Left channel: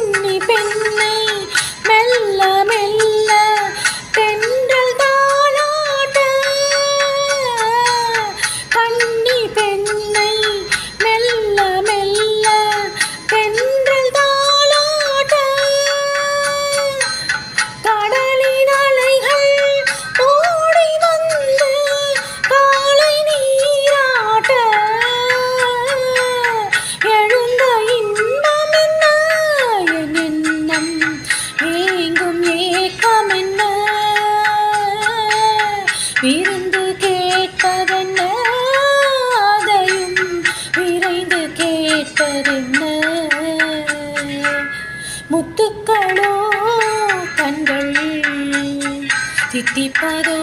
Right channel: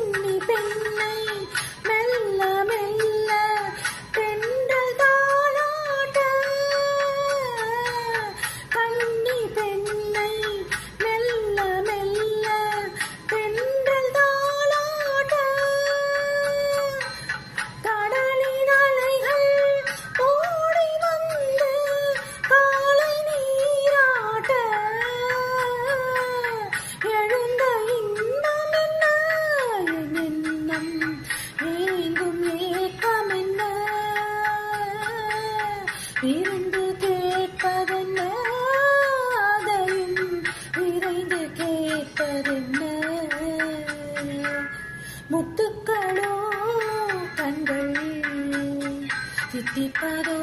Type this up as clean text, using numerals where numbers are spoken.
கன்னி பெண்ணை மெல்ல மெல்ல தென்றல் தாளாட்ட கன்னி பெண்ணை மெல்ல மெல்ல தென்றல் தாளாட்ட கடலின் அலைகள் ஓடி வந்து காலை நீராட்ட எழுந்த இன்பம் என்ன என் எண்ணம் ஏங்கும் ஏக்கம் என்ன விருந்து கேட்பதென்ன அதையும் விரைந்து கேட்பதென்ன முத்துக்களோ கண்கள் தித்திப்பதோ